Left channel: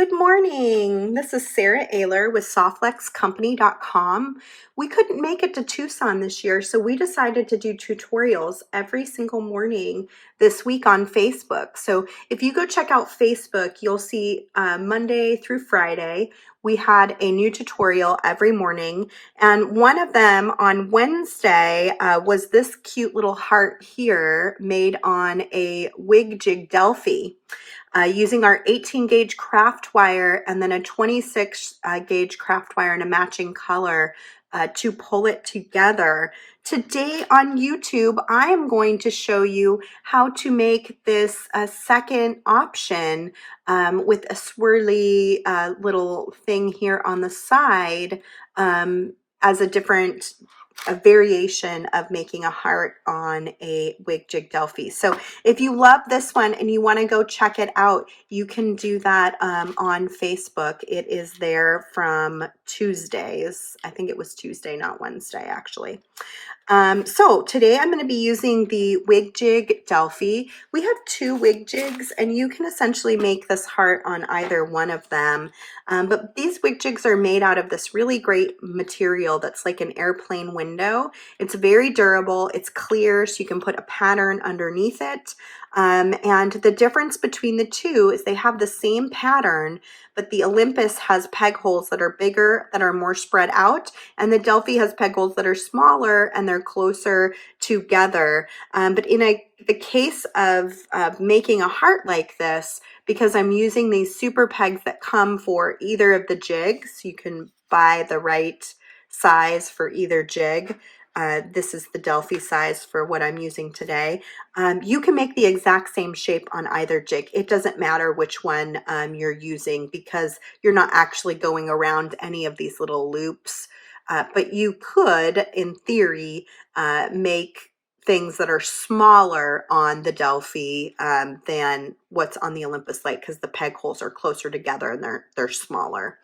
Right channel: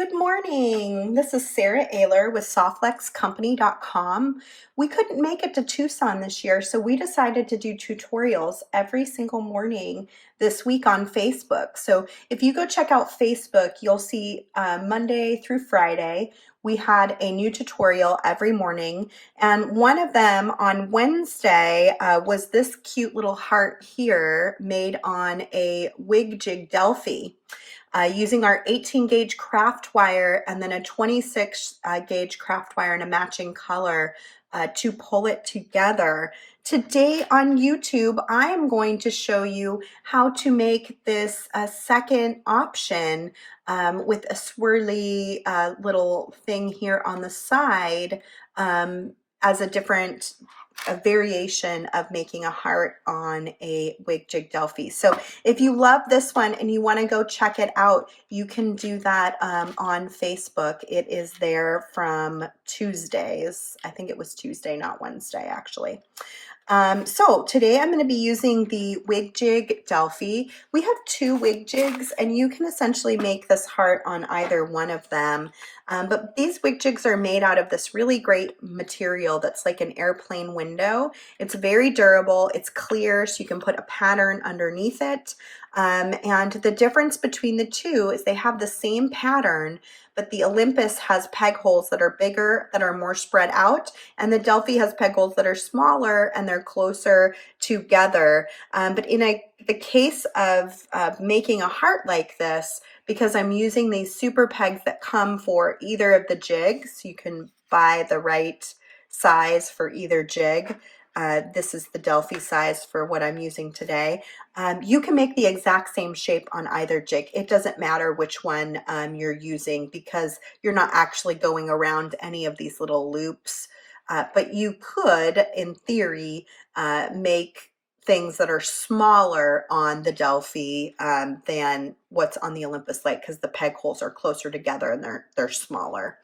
Good morning. This is Sara Oehler with SoftFlexCompany.com. We couldn't make it to Tucson this year, so we decided to do tutorials every single morning this week on Facebook. So if you go check out Facebook, you'll see Monday through Friday, we had a new tutorial every morning. And one of them on Wednesday was this cute little heart here made on a WigJig Delphi. Using our 18 gauge craft wire and then a 26 gauge craft wire in a matching color to pull it together. Today on YouTube, I am going to show you how to make this a second option with a swirly little thing here on the side as a variation of making a heart on a WigJig Delphi. So if you love this one and you want to go check it out, you can do that on Facebook. It is there from Tuesdays. I think it was Tuesday, not Wednesday, actually. So today I'm going to be using the WigJig Delphi. We have two WigJigs and you can essentially make this heart on either one of them. But these WigJigs are made out of this really great material that's like an airplane window. It's very durable, it's clear, so you can put a pattern underneath it. And the difference between the two is they have the same pattern, but the Olympus has peg holes that are bigger, that are more spread out, and the Delphi has peg holes that are smaller and they're closer together. But in the case of making a heart like this, because I'm using these super pegs that come for either of the jigs, you can buy the right size for either jig. This is the Delphi size for what I'm using today. You can make the exact same shape on either jig. It doesn't matter which one you're using because you're not actually going around any of these little loops. But you could, in theory, make things that are smaller on the Delphi than what's on the Olympus Light because the peg holes are closer together and they're smaller.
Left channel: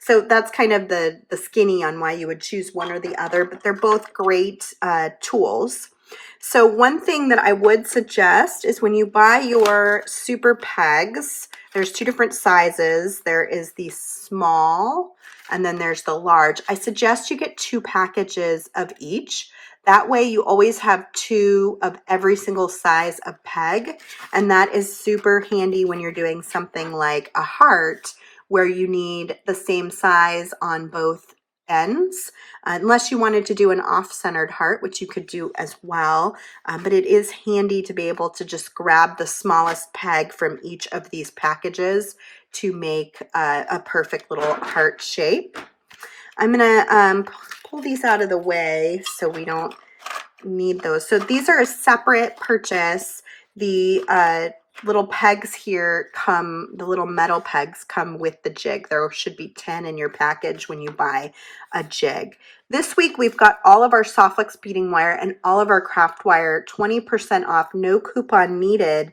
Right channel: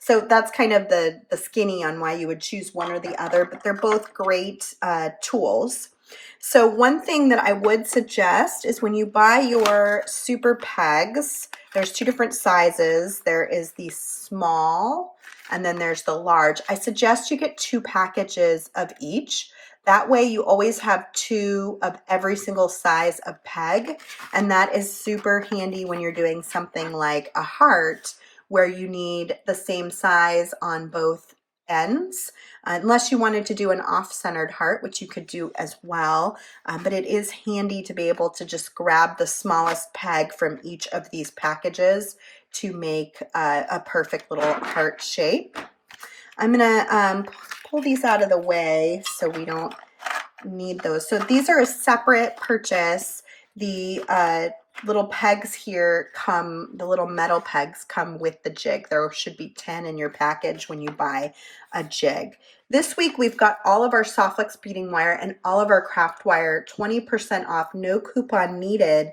So that's kind of the skinny on why you would choose one or the other, but they're both great tools. So one thing that I would suggest is when you buy your super pegs, there's two different sizes. There is the small and then there's the large. I suggest you get 2 packages of each. That way you always have 2 of every single size of peg, and that is super handy when you're doing something like a heart where you need the same size on both ends, unless you wanted to do an off-centered heart, which you could do as well. But it is handy to be able to just grab the smallest peg from each of these packages to make a perfect little heart shape. I'm gonna pull these out of the way so we don't need those. So these are a separate purchase. The little pegs here the little metal pegs come with the jig. There should be 10 in your package when you buy a jig. This week we've got all of our SoftFlex beading wire and all of our craft wire 20% off, no coupon needed,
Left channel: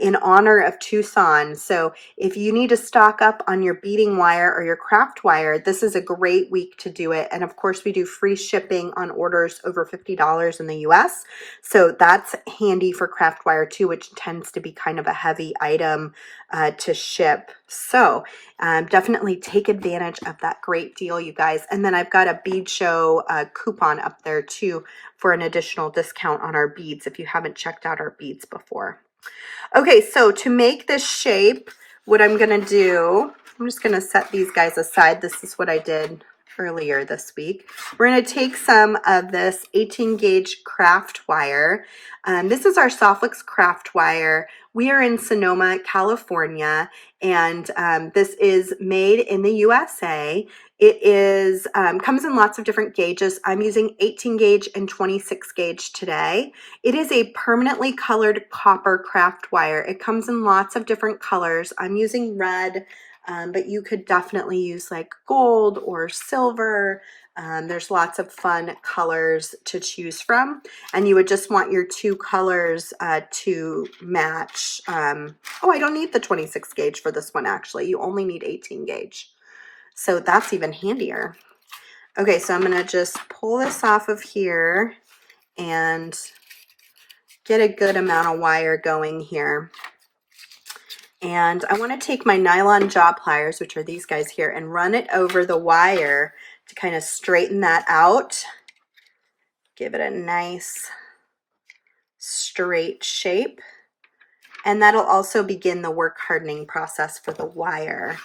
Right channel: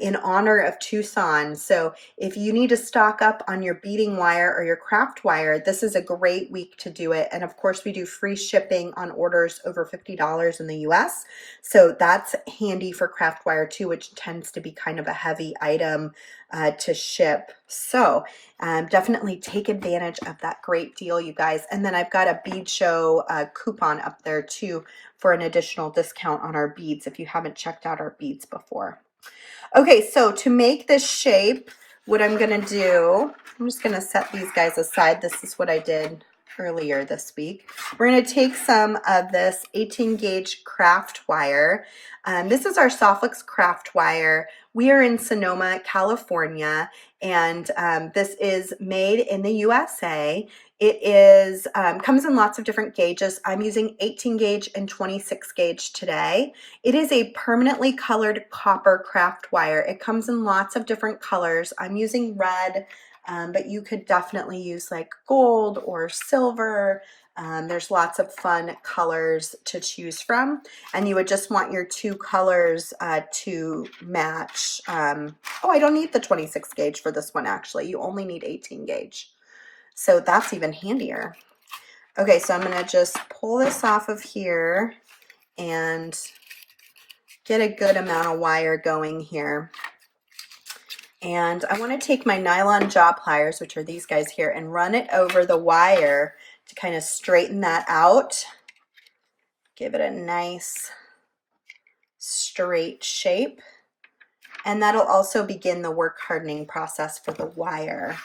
in honor of Tucson. So if you need to stock up on your beading wire or your craft wire, this is a great week to do it. And of course we do free shipping on orders over $50 in the US. So that's handy for craft wire too, which tends to be kind of a heavy item to ship. So definitely take advantage of that great deal, you guys. And then I've got a bead show coupon up there too for an additional discount on our beads if you haven't checked out our beads before. Okay, so to make this shape, what I'm going to do, I'm just going to set these guys aside. This is what I did earlier this week. We're going to take some of this 18 gauge craft wire. This is our SoftFlex craft wire. We are in Sonoma, California, and this is made in the USA. It is comes in lots of different gauges. I'm using 18 gauge and 26 gauge today. It is a permanently colored copper craft wire. It comes in lots of different colors. I'm using red, but you could definitely use like gold or silver. There's lots of fun colors to choose from, and you would just want your 2 colors to match. Oh, I don't need the 26 gauge for this one actually. You only need 18 gauge. So that's even handier. Okay, so I'm going to just pull this off of here and get a good amount of wire going here. And I want to take my nylon jaw pliers, which are these guys here, and run it over the wire to kind of straighten that out. Give it a nice straight shape. And that'll also begin the work hardening process for the wire.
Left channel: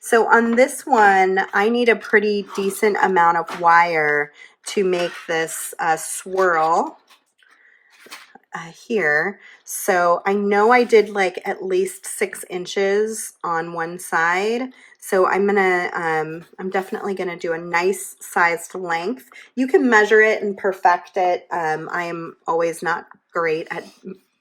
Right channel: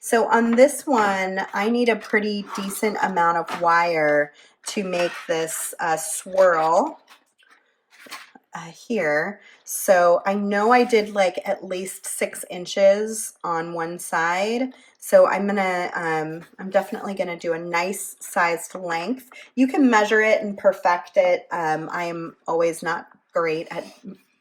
So on this one, I need a pretty decent amount of wire to make this swirl here. So I know I did like at least 6 inches on one side. So I'm definitely gonna do a nice sized length. You can measure it and perfect it. I am always not great at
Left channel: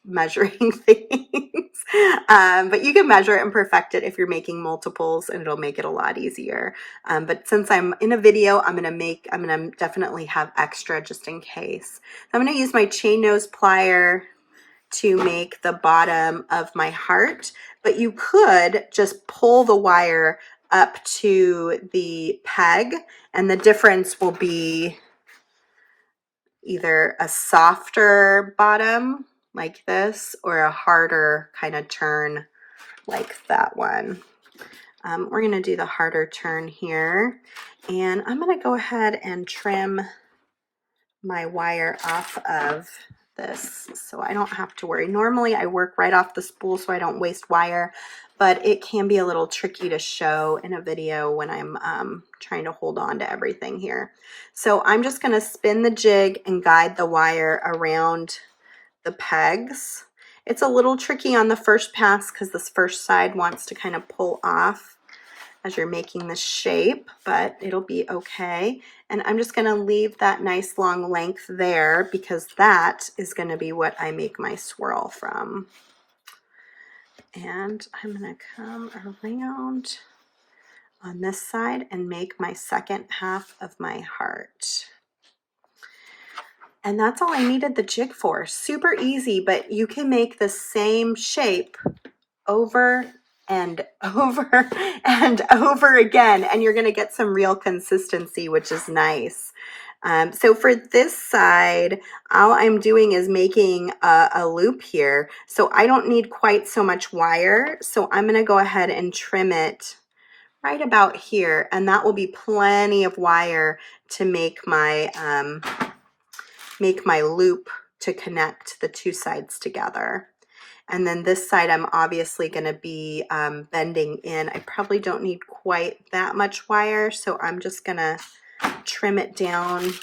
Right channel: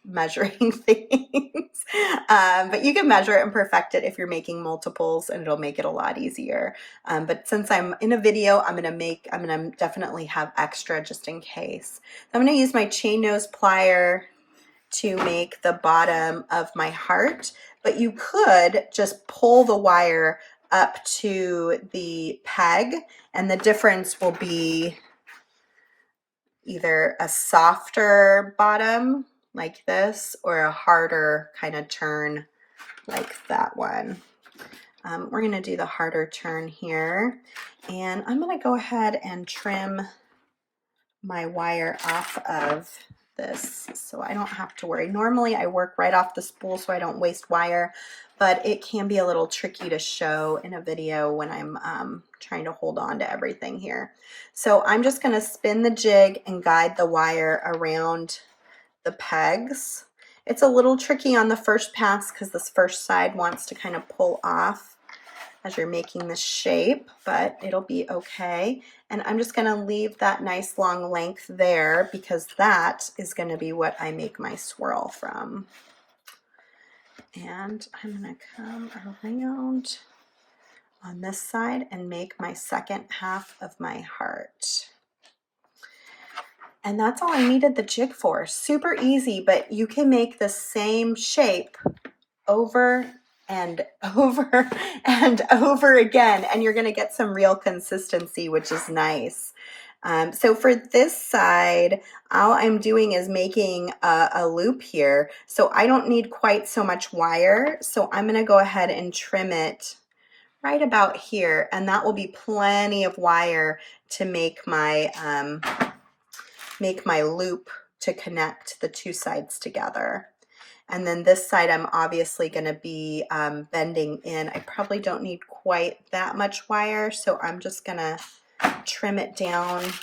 measuring things, but you can measure it and perfect it if you're making multiples, and it'll make it a lot easier. But since I'm in a video, I'm gonna definitely have extra just in case. I'm gonna use my chain nose plier to make the bottom of my heart, but you could just pull the wire up to the peg, and the difference will be either a softer bottom like this or a harder kind of turn like that one. We're going to do the harder turn here, and I'm going to go ahead and trim my wire off of this so I don't have to worry. Normally I work right off the spool so I don't waste wire, but it can be a little tricky to show in a video when I'm trying to hold on to everything here. So I'm just going to spin the jig and guide the wire around the pegs. It's a little tricky on the first pass because this first side wants to kind of pull off as you're making the shape, but it'll be okay. And I'm just gonna leave that nice long length there because that is gonna be what I make my swirl from. And I'm gonna come around on this side and make my second half of my heart. And that's all I needed the jig for. Super easy, but you can make the same shape over and over and over again, and you're going to get some real consistency, which is nice. So for this side, all I'm doing is making a loop here. So I don't need quite so much wire. So I'm going to go ahead and trim it right about here, and that will be plenty of wire to make my loop to connect the two sides together. And then this side, I'm obviously going to be bending in. I probably don't need quite that much wire, so I'm just going to trim it down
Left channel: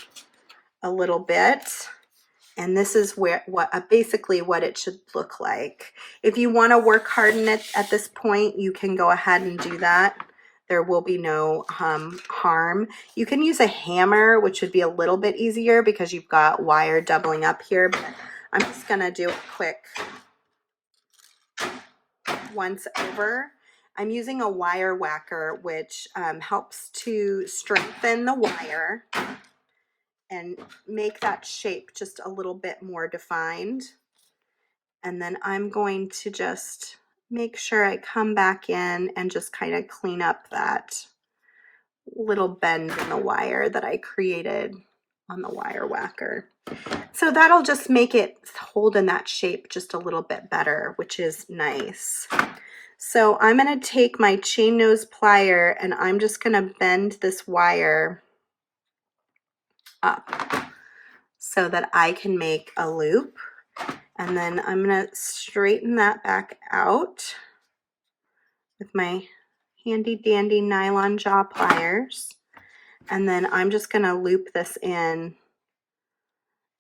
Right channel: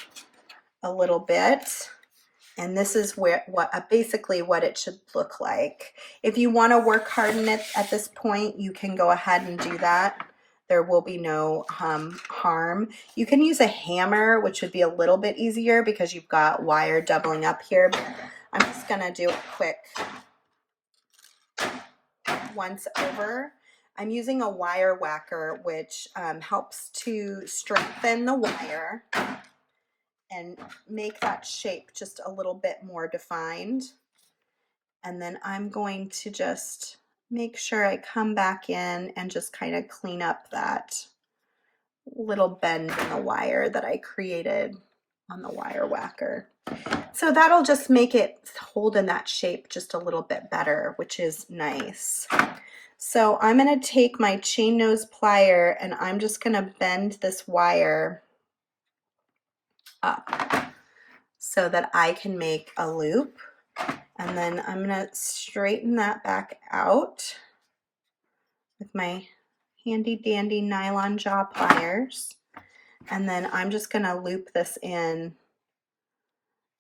a little bit. And this is basically what it should look like. If you want to work harden it at this point, you can go ahead and do that. There will be no harm. You can use a hammer, which would be a little bit easier because you've got wire doubling up here. But I'm just going to do it quick. Once over. I'm using a wire whacker, which helps to strengthen the wire and make that shape just a little bit more defined. And then I'm going to just make sure I come back in and just kind of clean up that little bend in the wire that I created on the wire whacker. So that'll just make it hold in that shape just a little bit better, which is nice. So I'm going to take my chain nose plier and I'm just going to bend this wire up so that I can make a loop. And then I'm going to straighten that back out with my handy dandy nylon jaw pliers. And then I'm just going to loop this in.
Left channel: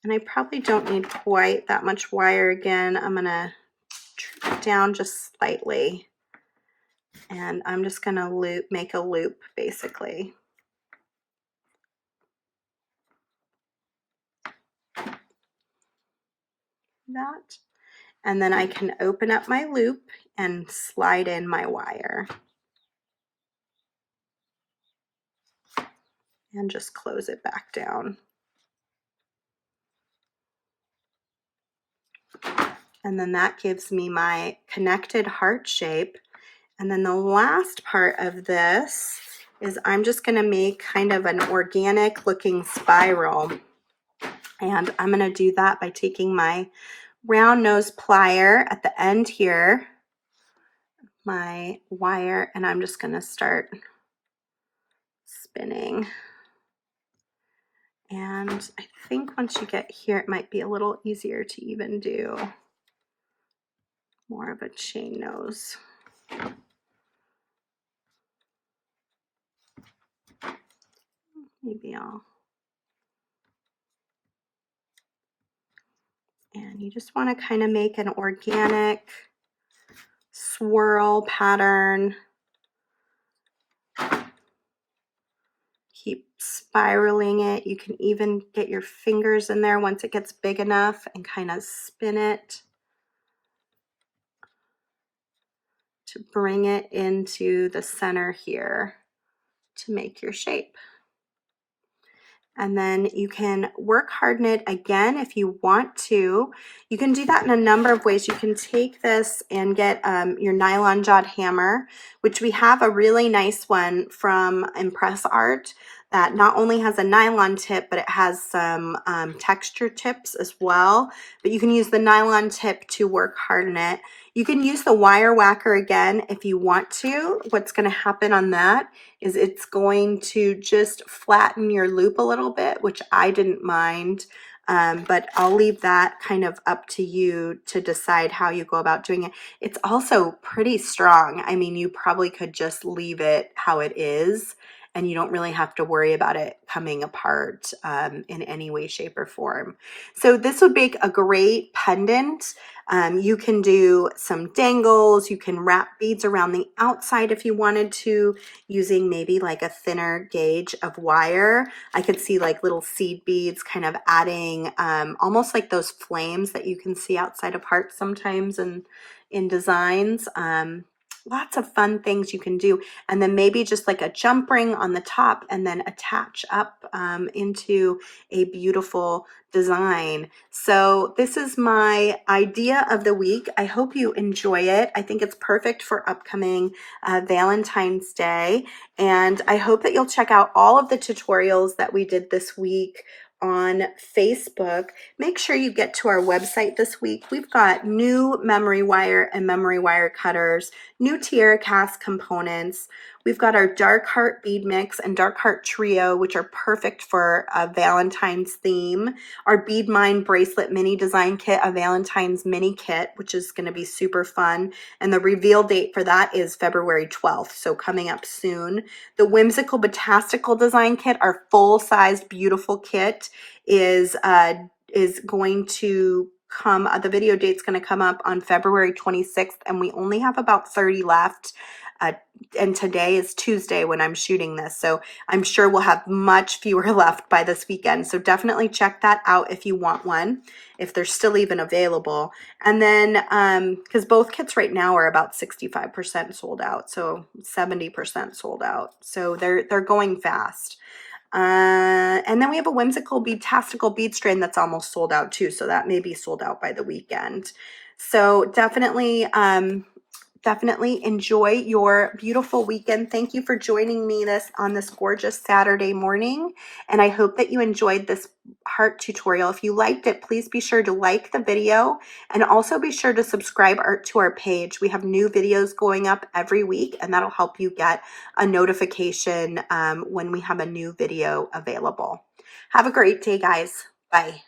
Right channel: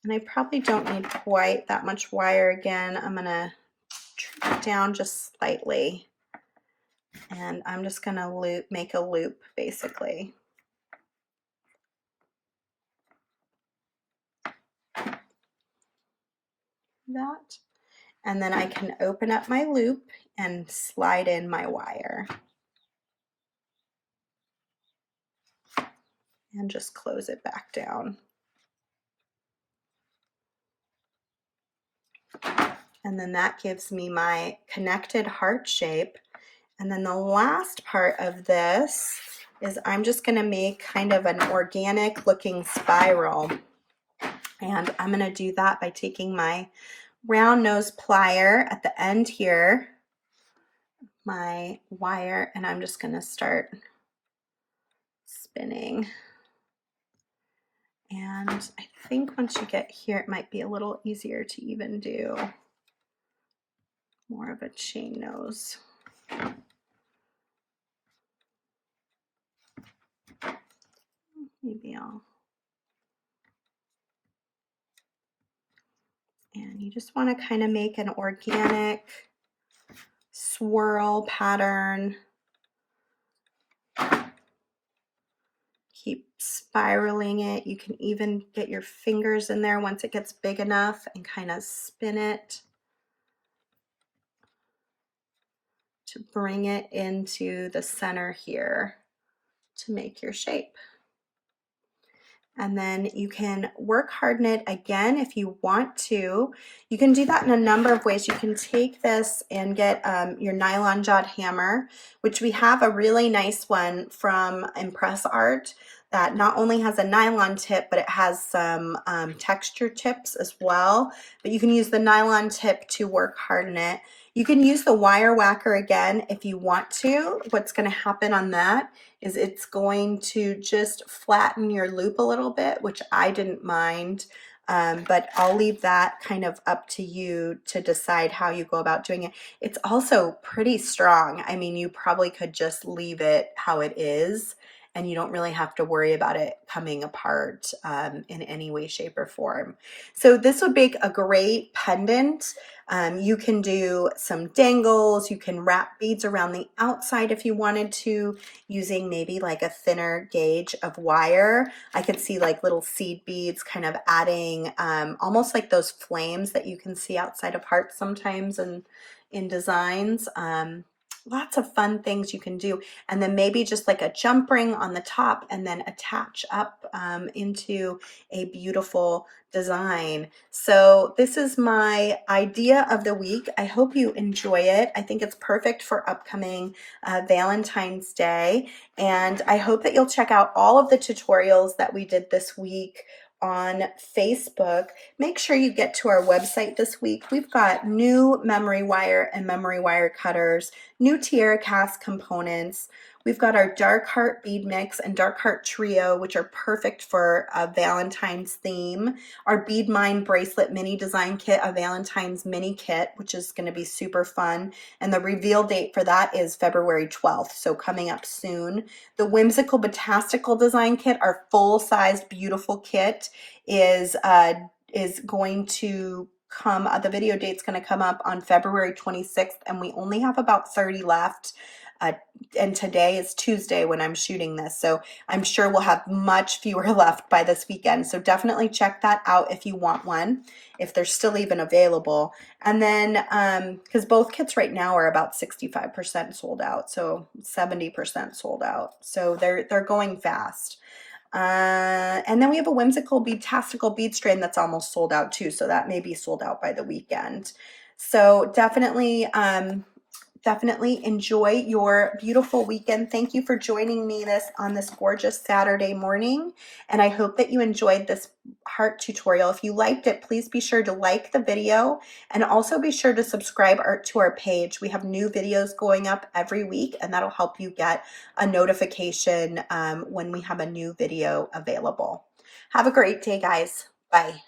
And I probably don't need quite that much wire again. I'm going to trim it down just slightly. And I'm just going to make a loop basically. That. And then I can open up my loop and slide in my wire. And just close it back down. And then that gives me my connected heart shape. And then the last part of this is I'm just going to make kind of an organic looking spiral. And I'm going to do that by taking my round nose plier at the end here, my wire, and I'm just going to start spinning. And I think once you get here, it might be a little easier to even do more of a chain nose. Maybe and you just want to kind of make an organic swirl pattern. Keep spiraling it. You can even get your fingers in there once it gets big enough and kind of spin it to bring it into the center here to make your shape. And then you can work harden it again if you want to. You can do that in a number of ways. You can take this and get your nylon jawed hammer, which we have a really nice one from Impress Art that not only has a nylon tip, but it has some texture tips as well. But you can use the nylon tip to work harden it. You can use the wire whacker again if you want to. What's going to happen on that is it's going to just flatten your loop a little bit, which I didn't mind, but I'll leave that kind of up to you to decide how you go about doing it. It's also pretty strong. I mean, you probably could just leave it how it is, and you don't really have to worry about it coming apart in any way, shape, or form. So this would make a great pendant. You can do some dangles. You can wrap beads around the outside if you wanted to, using maybe like a thinner gauge of wire. I could see like little seed beads kind of adding almost like those flames that you can see outside of hearts sometimes in designs. Lots of fun things you can do. And then maybe just like a jump ring on the top and then attach up into a beautiful design. So this is my idea of the week. I hope you enjoy it. I think it's perfect for upcoming Valentine's Day. And I hope that you'll check out all of the tutorials that we did this week on Facebook. Make sure you get to our website this week. We've got new memory wire and memory wire cutters, new tiara cast components. We've got our dark heart bead mix and dark heart trio, which are perfect for a Valentine's theme. Our bead mine bracelet mini design kit, a Valentine's mini kit, which is going to be super fun. And the reveal date for that is February 12th, so coming up soon. The whimsical botastical design kit, our full-sized beautiful kit, is going to come. The video date's going to come up on February 26th, and we only have about 30 left. And today is Tuesday when I'm shooting this, so I'm sure we'll have much fewer left by this weekend. So definitely check that out if you want one, if they're still even available. And then, because both kits right now are about 65% sold out, so 70% sold out. So they're going fast. And then we have a whimsical beadtastical bead strain that's almost sold out too, so that may be sold out by the weekend. So definitely enjoy your beautiful weekend. Thank you for joining me on this gorgeous Saturday morning, and I hope that you enjoyed this heart tutorial. If you liked it, please be sure to like the video, and also be sure to subscribe to our page. We have new videos going up every week, and that'll help you get a notification when we have a new video available. Have a great day, guys. Bye.